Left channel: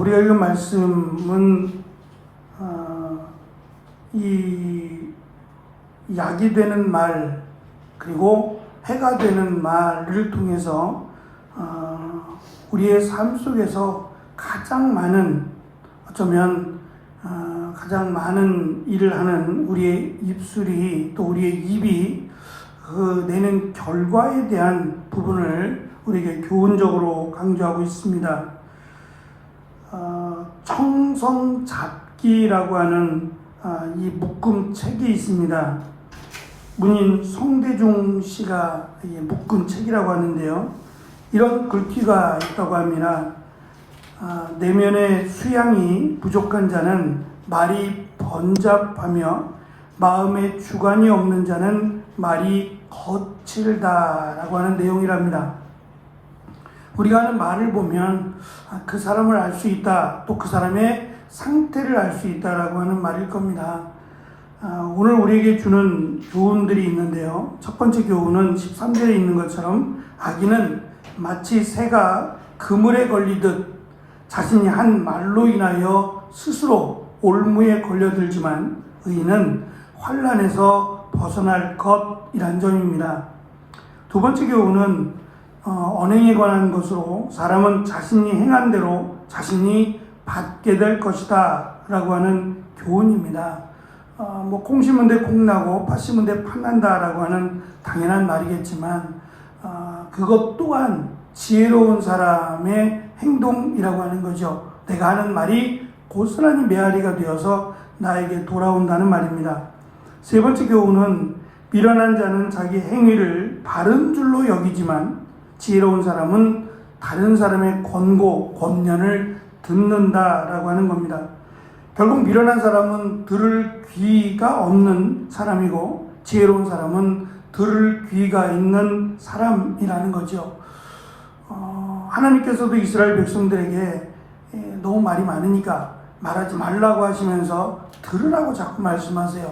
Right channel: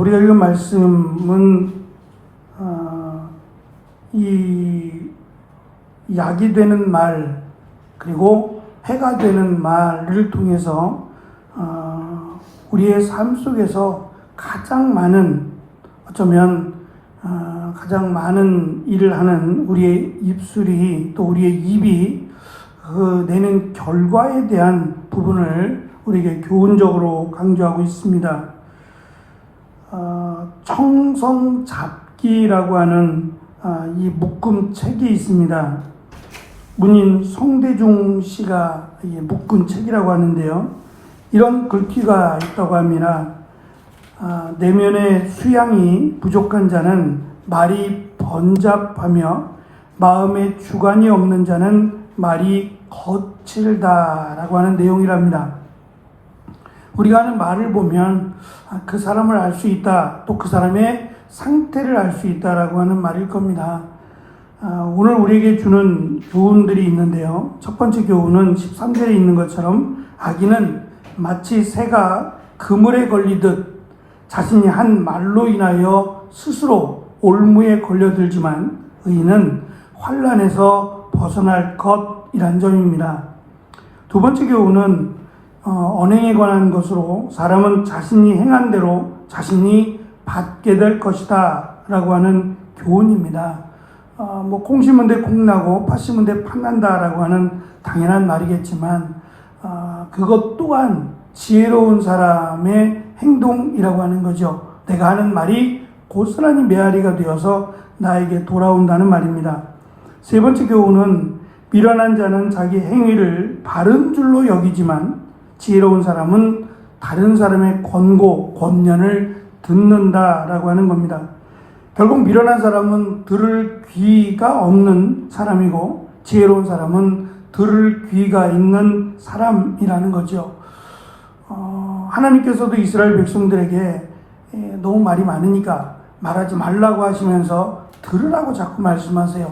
우리가 읽은 말씀은 이 약이 되는 말 그리고 해가 되는 말을 통해서 우리의 삶 속에서 가장 많은 어쩌면 가장 많은 일을 하는 우리의 입술이 또 우리의 입이 내는 결과에 대한 부분을 우리에게 교훈적으로 강조하고 있습니다. 청성잡기라고 하는 이 묶음 책이 있습니다. 문인 송대중 씨가 묶은 책이라고 하는데요. 이런 글귀가 있다고 합니다. 내면의 수양이 부족한 자는 말이 번잡하며 마음에 주관이 없는 자는 말이 거칠다라고 하는 내용이랍니다. 우리가 하는 말을 보면 그 사람을 알 수 있다, 또 그 사람의 상태를 알 수 있다라고 하는 말일 겁니다. 오늘 우리에게 주는 교훈들이 있는데요. 첫 번째 교훈은 13절에 있는 것처럼 악인은 마치 새가 그물에 걸리듯 자신이 한 말로 인하여 스스로 올무에 걸려들지만 의인은 환난에서 벗어날 것이란 점입니다. 두 번째 교훈은 언행에 관한 것으로 사람은 자신이 행한 대로 자신이 받게 될 것이다 라고 하는 교훈입니다. 콩 심은 데 콩 나고 팥 심은 데 팥 난다라고 하는 당연한 말이겠지만 그것 또한 지혜로운 사람의 행동이라고 하는 거죠. 내가 하는 말이 고스란히 메아리가 되어서 나에게 돌아온다는 말입니다. 세 번째 교훈은 미련한 자는 자기 행위를 바른 줄로 여기지만 지혜로운 사람은 다른 사람의 권고, 권면을 듣는다라고 하는 겁니다. 결국 미련한 사람은 들을 귀가 없는 사람이고 지혜로운 사람은 들을 귀가 있는 사람이라는 거죠. 하나님께서도 이스라엘 백성들에게 너무 말이 많으니까 말하지 말라고 하시면서 들으라고 자꾸 말씀하세요.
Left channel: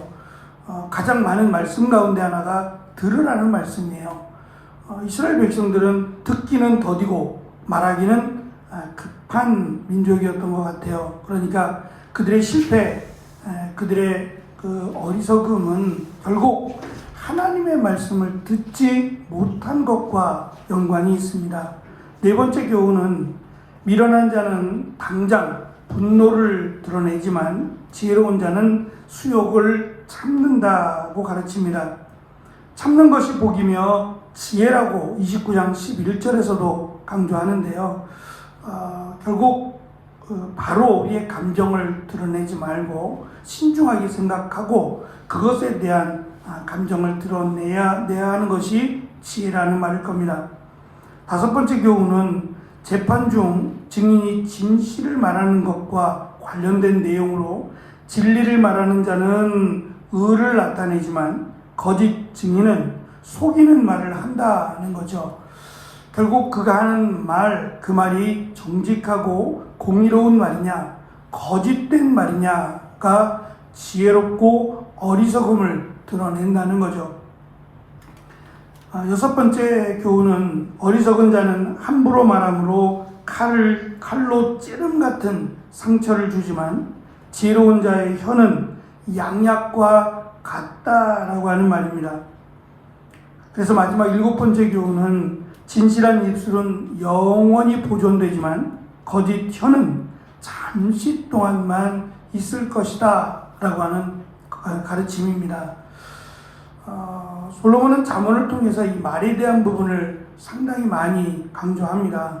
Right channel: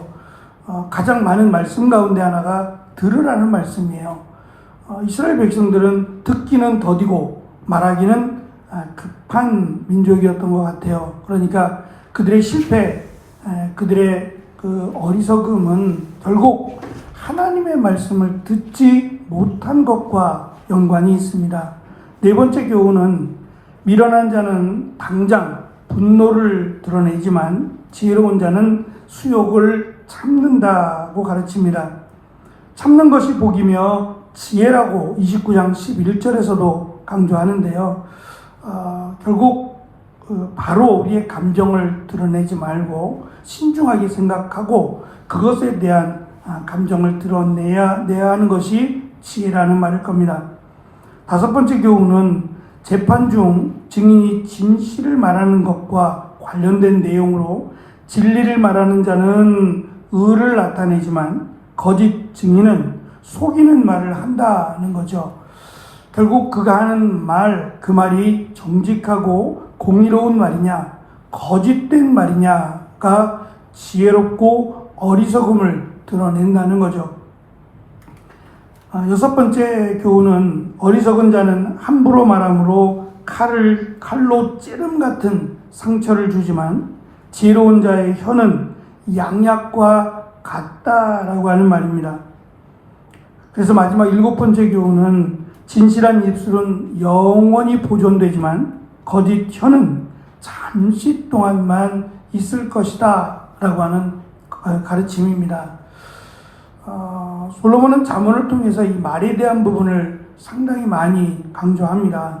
가장 많은 말씀 가운데 하나가 들으라는 말씀이에요. 이스라엘 백성들은 듣기는 더디고 말하기는 급한 민족이었던 것 같아요. 그러니까 그들의 실패, 그들의 그 어리석음은 결국 하나님의 말씀을 듣지 못한 것과 연관이 있습니다. 네 번째 교훈은 미련한 자는 당장 분노를 드러내지만 지혜로운 자는 수욕을 참는다고 가르칩니다. 참는 것이 복이며 지혜라고 29장 11절에서도 강조하는데요. 결국 바로 우리의 감정을 드러내지 말고 신중하게 생각하고 그것에 대한 감정을 드러내야 하는 것이 지혜라는 말일 겁니다. 다섯 번째 교훈은 재판 중 증인이 진실을 말하는 것과 관련된 내용으로 진리를 말하는 자는 의를 나타내지만 거짓 증인은 속이는 말을 한다는 거죠. 결국 그가 하는 말, 그 말이 정직하고 공의로운 말이냐, 거짓된 말이냐가 지혜롭고 어리석음을 드러낸다는 거죠. 여섯 번째 교훈은 어리석은 자는 함부로 말함으로 칼로 찌름 같은 상처를 주지만 지혜로운 자의 혀는 양약과 같다라고 하는 말입니다. 그래서 마지막 일곱 번째 교훈은 진실한 입술은 영원히 보존되지만 거짓 혀는 잠시 동안만 있을 것이다 라고 하는 가르침입니다. 솔로몬은 잠언을 통해서 이 말에 대한 부분을 상당히 많이 강조합니다.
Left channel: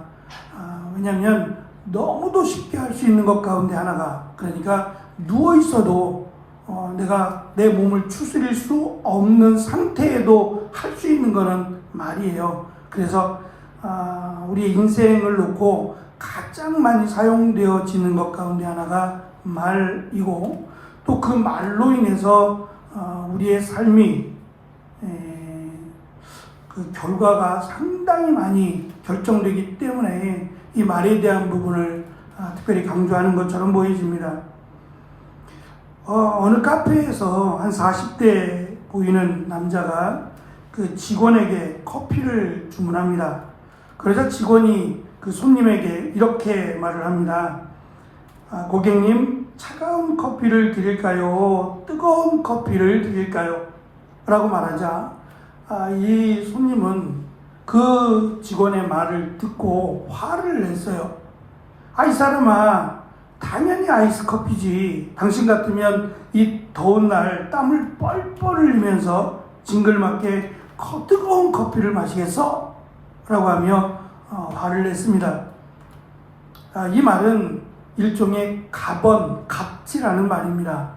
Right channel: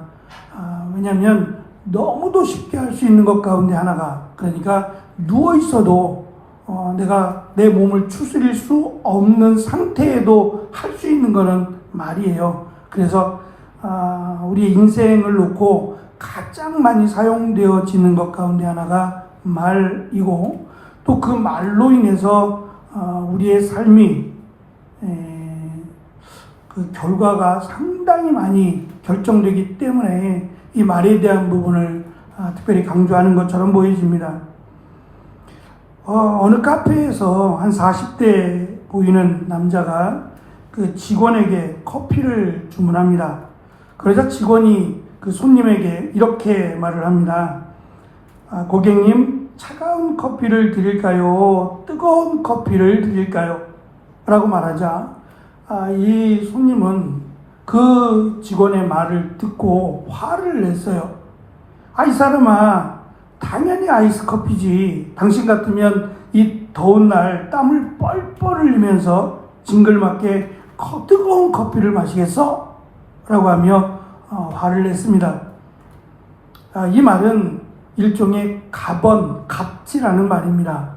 왜냐하면 너무도 쉽게 할 수 있는 것 가운데 하나가, 그러니까 누워 있어도 내가 내 몸을 추스릴 수 없는 상태에도 할 수 있는 거는 말이에요. 그래서 우리의 인생을 놓고 가장 많이 사용되어지는 것 가운데 하나가 말이고, 또 그 말로 인해서 우리의 삶이 그 결과가 상당히 많이 결정되기 때문에 이 말에 대한 부분을 특별히 강조하는 것처럼 보여집니다. 어느 카페에서 한 40대 보이는 남자가 그 직원에게 커피를 주문합니다. 그러자 직원이 그 손님에게 이렇게 말을 합니다. 고객님, 차가운 커피를 드릴까요? 뜨거운 커피를 드릴까요? 라고 말하자 이 손님은 그 직원의 말을 듣고 화를 냈어요. 이 사람아, 당연히 아이스 커피지. 당신 같으면 이 더운 날 땀을 뻘뻘 흘리면서 징글맞게 뜨거운 커피를 마시겠어? 라고 하며 화를 냈습니다. 이 말은 일종의 갑질하는 말입니다.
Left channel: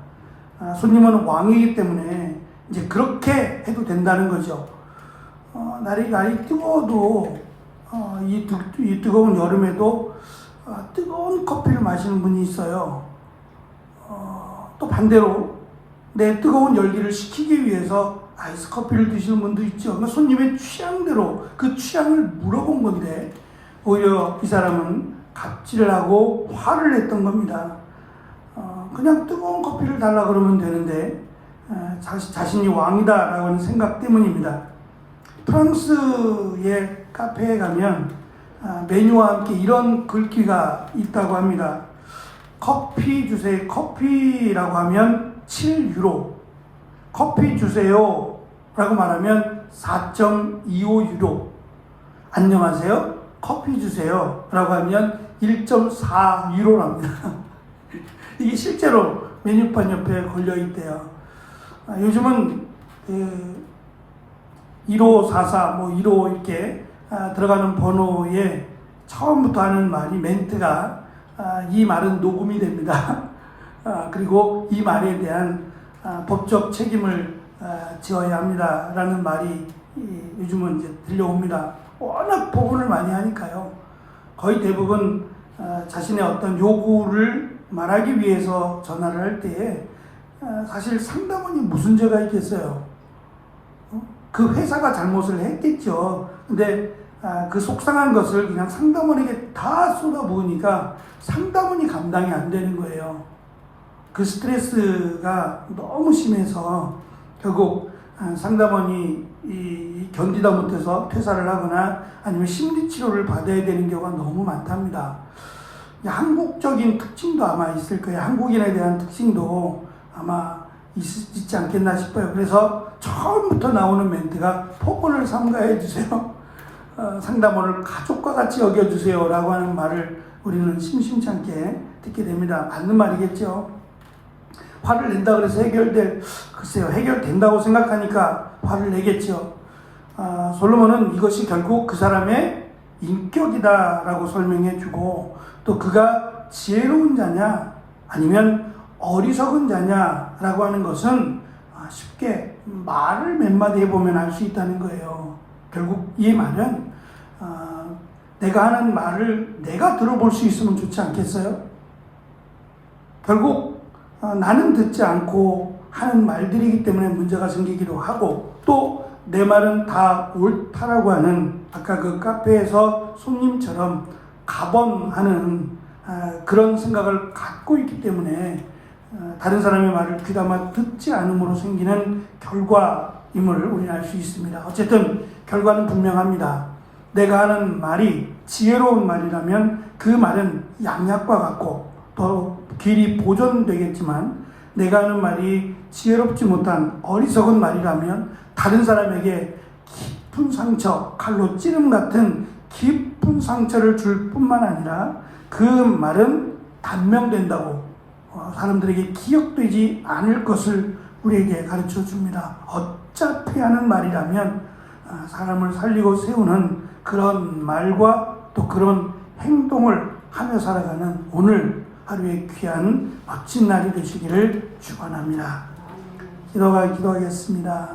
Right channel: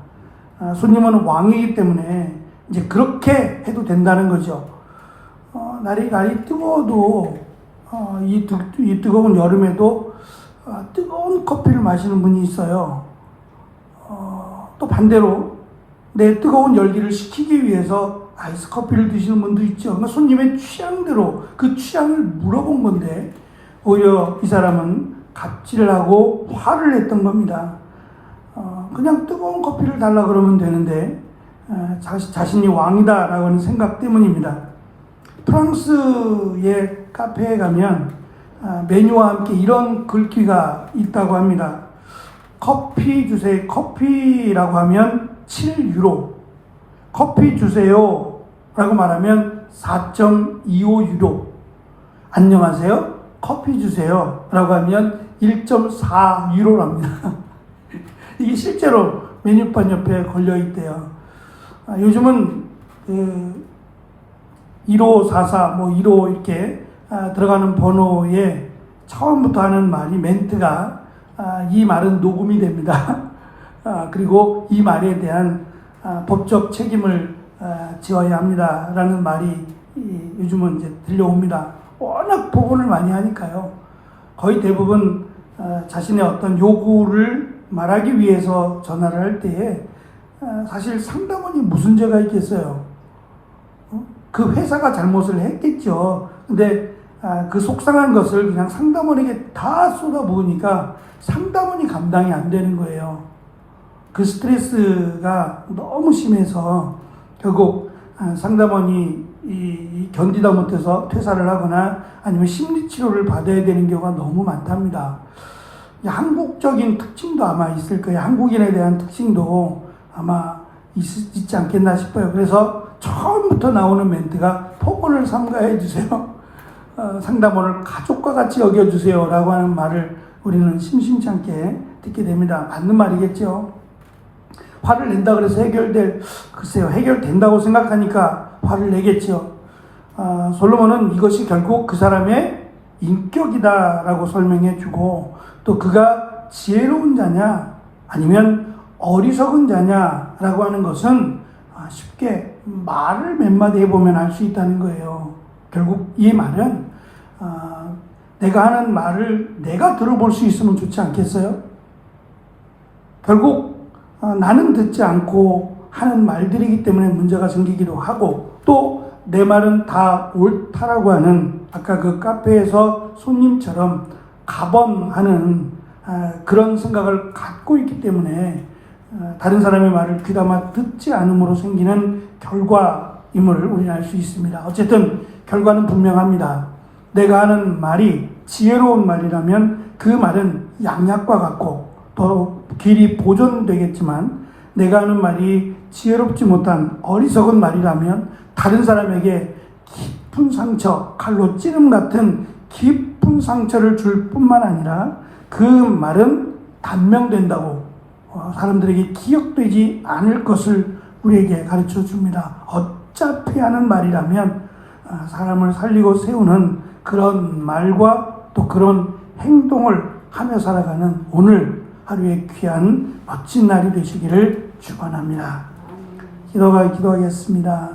손님은 왕이기 때문에 이제 그렇게 해도 된다는 거죠. 날이 뜨거워도 이 뜨거운 여름에도 뜨거운 커피를 마시는 분이 있어요. 또 반대로 내 뜨거운 열기를 식히기 위해서 아이스 커피를 드시는 분도 있죠. 손님의 취향대로 그 취향을 물어본 건데 오히려 이 사람은 갑질을 하고 화를 냈던 겁니다. 그냥 뜨거운 커피를 달라 그러면 되는데 자신이 왕이다라고 하는 생각 때문입니다. 프랑스의 카페에 가면 메뉴와 함께 이런 글귀가 있다고 합니다. 커피 주세요. 커피라고 하면 7유로. 커피 주세요 라고 말하면 4.25유로. 안녕하세요. 커피 주세요 라고 하면 1.4유로랍니다. 이게 실제로 메뉴판 옆에 걸려있대요. 요즘은 1544, 15 이렇게 들어가는 번호에 처음부터 하는 말이 멘트가 이 말은 녹음이 됩니다. 그리고 이 말에 대한 법적 책임을 지어야 합니다. 라는 말이 요즘은 이제 들려옵니다. 워낙 복원을 많이 하니까요. 거의 대부분 자신의 어떤 요구를 말하기 위해서 전화를 할 때에 사실 상담원이 무슨 죄가 있겠어요. 그 회사가 잘못을 했겠죠. 근데 그 속상한 것을 그냥 상담원에게 다 쏟아부으니까 상담원이 감당이 안 되는 거예요. 그 스트레스가 너무 심해서 결국 상담원이 견디다 못해서 퇴사를 하거나 아니면 심리치료를 받아야 되는 경우가 너무 많답니다. 한국적인 특징도 아마 있을 거예요. 한국인에 대한 특징도 아마 있지 않겠나 싶어요. 그래서 처음부터 나오는 멘트가 폭언을 삼가해 주세요. 상담원을 가족과 같이 여겨주세요 라고 하는 말을 우리는 심심치 않게 듣게 됩니다. 맞는 말이겠죠. 화를 낸다 그래서 글쎄요, 해결된다고 생각하니까 화를 내겠죠. 솔로몬은 이것이 결국 그 사람의 인격이다라고 설명해 주고 또 그가 지혜로운 자냐 아니면 어리석은 자냐라고 하는 것은 쉽게 말을 몇 마디 해보면 알 수 있다는 거예요. 결국 이 말은 내가 하는 말을 내가 들어볼 수 있으면 좋지 않겠어요? 결국 나는 듣지 않고 하는 말들이기 때문에 문제가 생기기도 하고 또 내 말은 다 옳다라고 하는 아까 그 카페에서 손님처럼 가범하는 그런 생각을 갖고 있기 때문에 다른 사람의 말을 귀담아 듣지 않음으로 생기는 결과임을 우리는 알 수 있습니다. 어쨌든 결과는 분명합니다. 내가 하는 말이 지혜로운 말이라면 그 말은 양약과 같고 더 길이 보존되겠지만 내가 하는 말이 지혜롭지 못한 어리석은 말이라면 다른 사람에게 깊은 상처, 칼로 찌름 같은 깊은 상처를 줄 뿐만 아니라 그 말은 단명된다고 사람들에게 기억되지 않을 것을 우리에게 가르쳐 줍니다. 어차피 하는 말이라면 사람을 살리고 세우는 그런 말과 또 그런 행동을 하며 살아가는 오늘 하루의 귀한 멋진 날이 되시기를 축원합니다. 기도하겠습니다.